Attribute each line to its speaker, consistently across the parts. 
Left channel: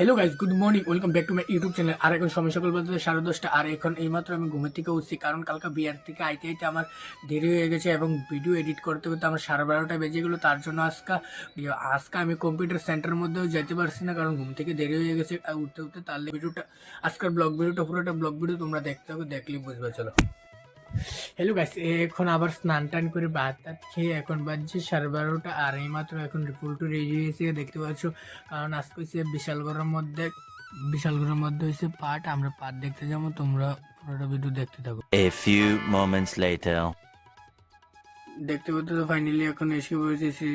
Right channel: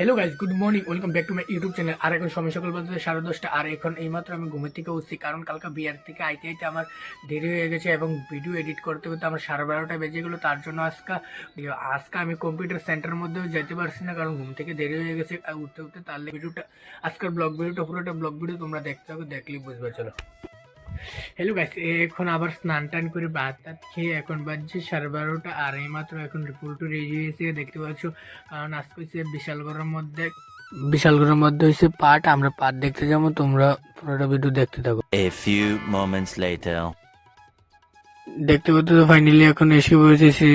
Speaker 1: Hello guys good morning welcome back to my YouTube channel আর এখন সময় সকাল বলতে সাড়ে দশটা, আর এখন এইমাত্র আমি ঘুমের থেকে উঠছি, কারণ কালকে বিয়ার থেকে আইতে আইতে আমার দেরি হয়ে গেছে এবং ভিডিও এডিট করতে করতে আমার সাড়ে বারোটা বেজে গেলো। তার জন্য আজকে আজকে আমি কম্পিউটার সেন্টারের মধ্যেও যেতে পারছি না, কারণ ঘুম থেকে দেরি হয়ে গেছে। উঠতে উঠতে তাহলে ভিডিওটা আজকের ব্লগ ভিডিওটা পুরোটা ব্লগ ভিডিও তোমরা দেখতে হবে দেখলেই বুঝবে, চলো। হ্যালো গাইস এখন আবার স্নান টান করে ভাত টাত খেয়ে এখন বাজছে সাড়ে বারোটা আর এই মাত্র এখন রিপোর্ট রেডি হয়েছে, দেখতে পাচ্ছ কারণ আজকে হচ্ছে বিশালগড়ের মধ্যে বিশালগড়ের মধ্যে হয়েছে পাট, আমরা পাট দেখতে যাব, তোমরা পুরোটা ভিডিও দেখতে থাকো
Speaker 2: এ ফিউ মোমেন্টস later.
Speaker 1: দেখতে পাচ্ছ তো ফাইনালি এখন এসে পড়েছে শ্রী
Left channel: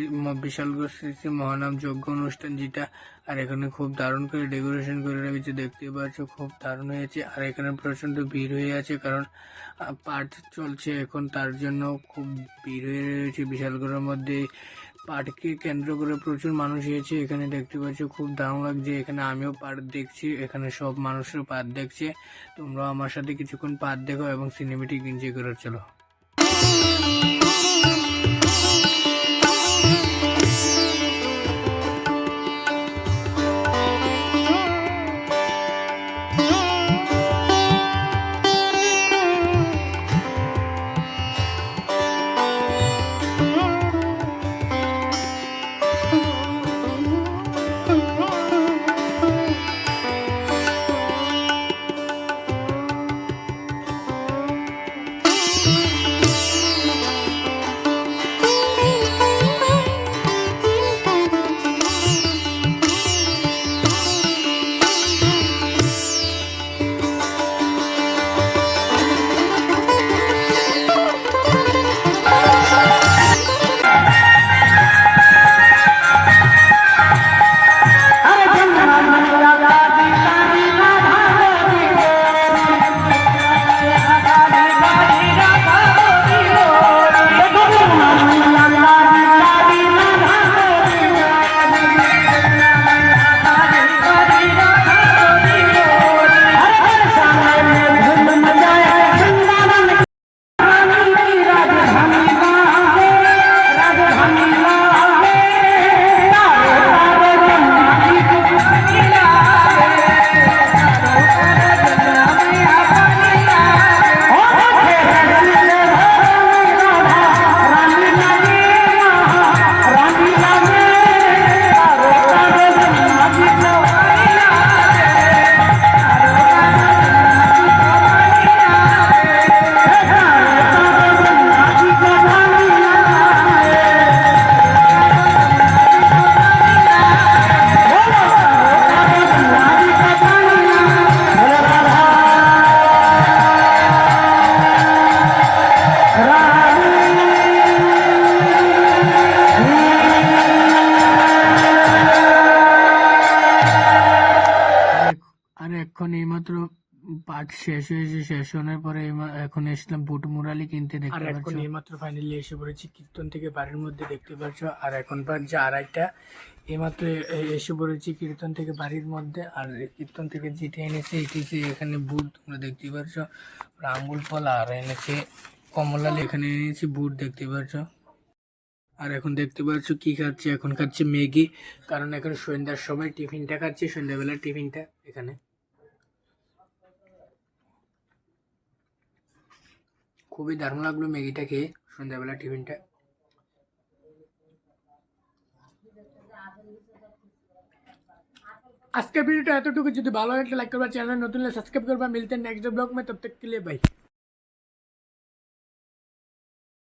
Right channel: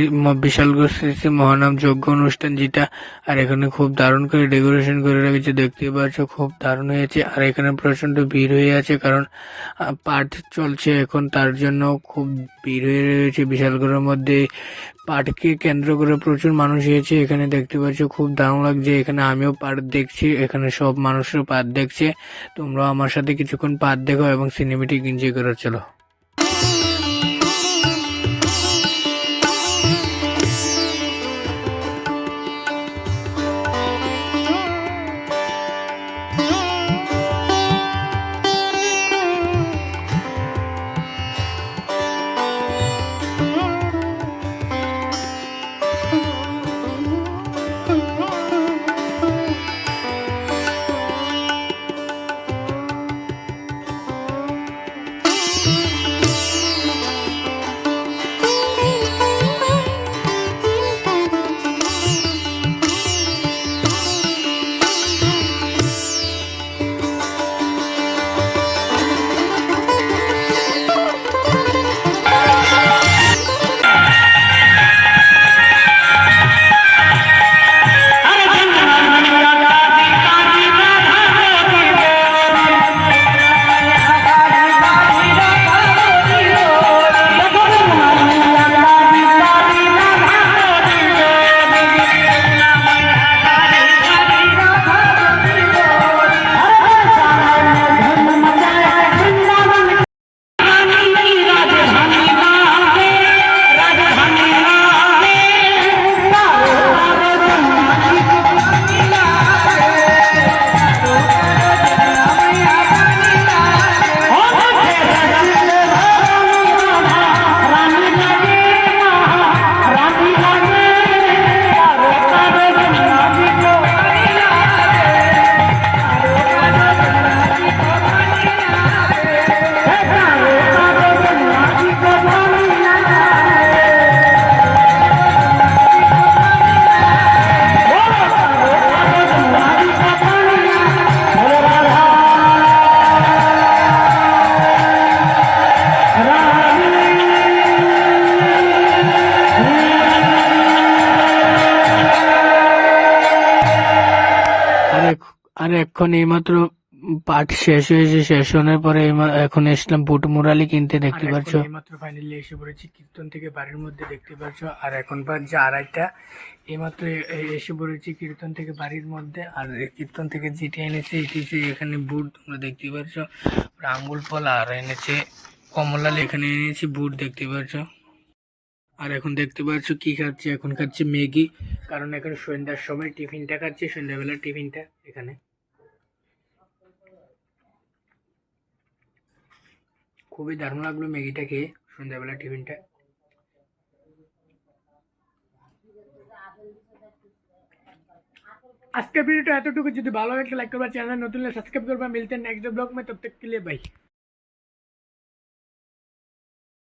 Speaker 1: বিশালগড় শ্রী শ্রী মহানাম যজ্ঞ অনুষ্ঠান যেটা, আর এখানে খুব দারুণ করে ডেকোরেশন করে রেখেছে দেখতে পাচ্ছ, খুব দারুণ হয়েছে। আর এখানে প্রচণ্ড ভিড় হয়ে আছে, কারণ পাঠ চলছে এখন, তার জন্য খুব ভিড় হয়ে রয়েছে বিশালগড়ের মধ্যে। পাঠকে কেন্দ্র করে প্রচুর মানুষ এসেছে, এখানে দেখতে পাচ্ছ, খুব দারুণ লাগছে। এখানে আমিও পাট দেখছি, এখানে সব মানুষের পাট দেখছে। তোমরাও আমার সাথে কিছুক্ষণ পাট দেখো এবং সিনেমেটিক এনজয় করে চলো। এখন এইমাত্র পাঠ শেষ হয়েছে শেষ হওয়ার পরে এখন এসলাম বুট মুরালি কিনতে দেখতে পাচ্ছ এইমাত্র ফাইনালি এসে পড়েছি কীর্তন থেকে বাড়ির মধ্যে দেখতে পাচ্ছ আর এখন বাজছে আড়াইটা। এইমাত্র এসে পড়েছি কীর্তন থেকে বাড়ির মধ্যে। আর কীর্তন থেকে যেটি এনেছে এটি হচ্ছে এখানে বুট তোমরা দেখতে পাচ্ছ আর আঙ্গুল ফল আর এনেছে কমলাল এখানে এনেছি বুট দেখতে পাচ্ছ আর এখন দেখতে পাচ্ছ কি খাচ্ছে? এখন খাচ্ছে ম্যাগি। কারণ এখন সন্ধ্যার সময় টিফিনটা খাচ্ছে সন্ধ্যাবেলার টিফিনটা এখানে। খুবই দারুণ লাগল ম্যাগিটা খেয়ে। সন্ধ্যাবেলা টিফিনটা। আজকের ভিডিওটা এতটুকু। যদি ভালো লাগে লাইক করবা, চ্যানেল নতুন সাবস্ক্রাইব করবা। মিলতে নেক্সট ব্লগ মে, তব তক কে লিয়ে বাই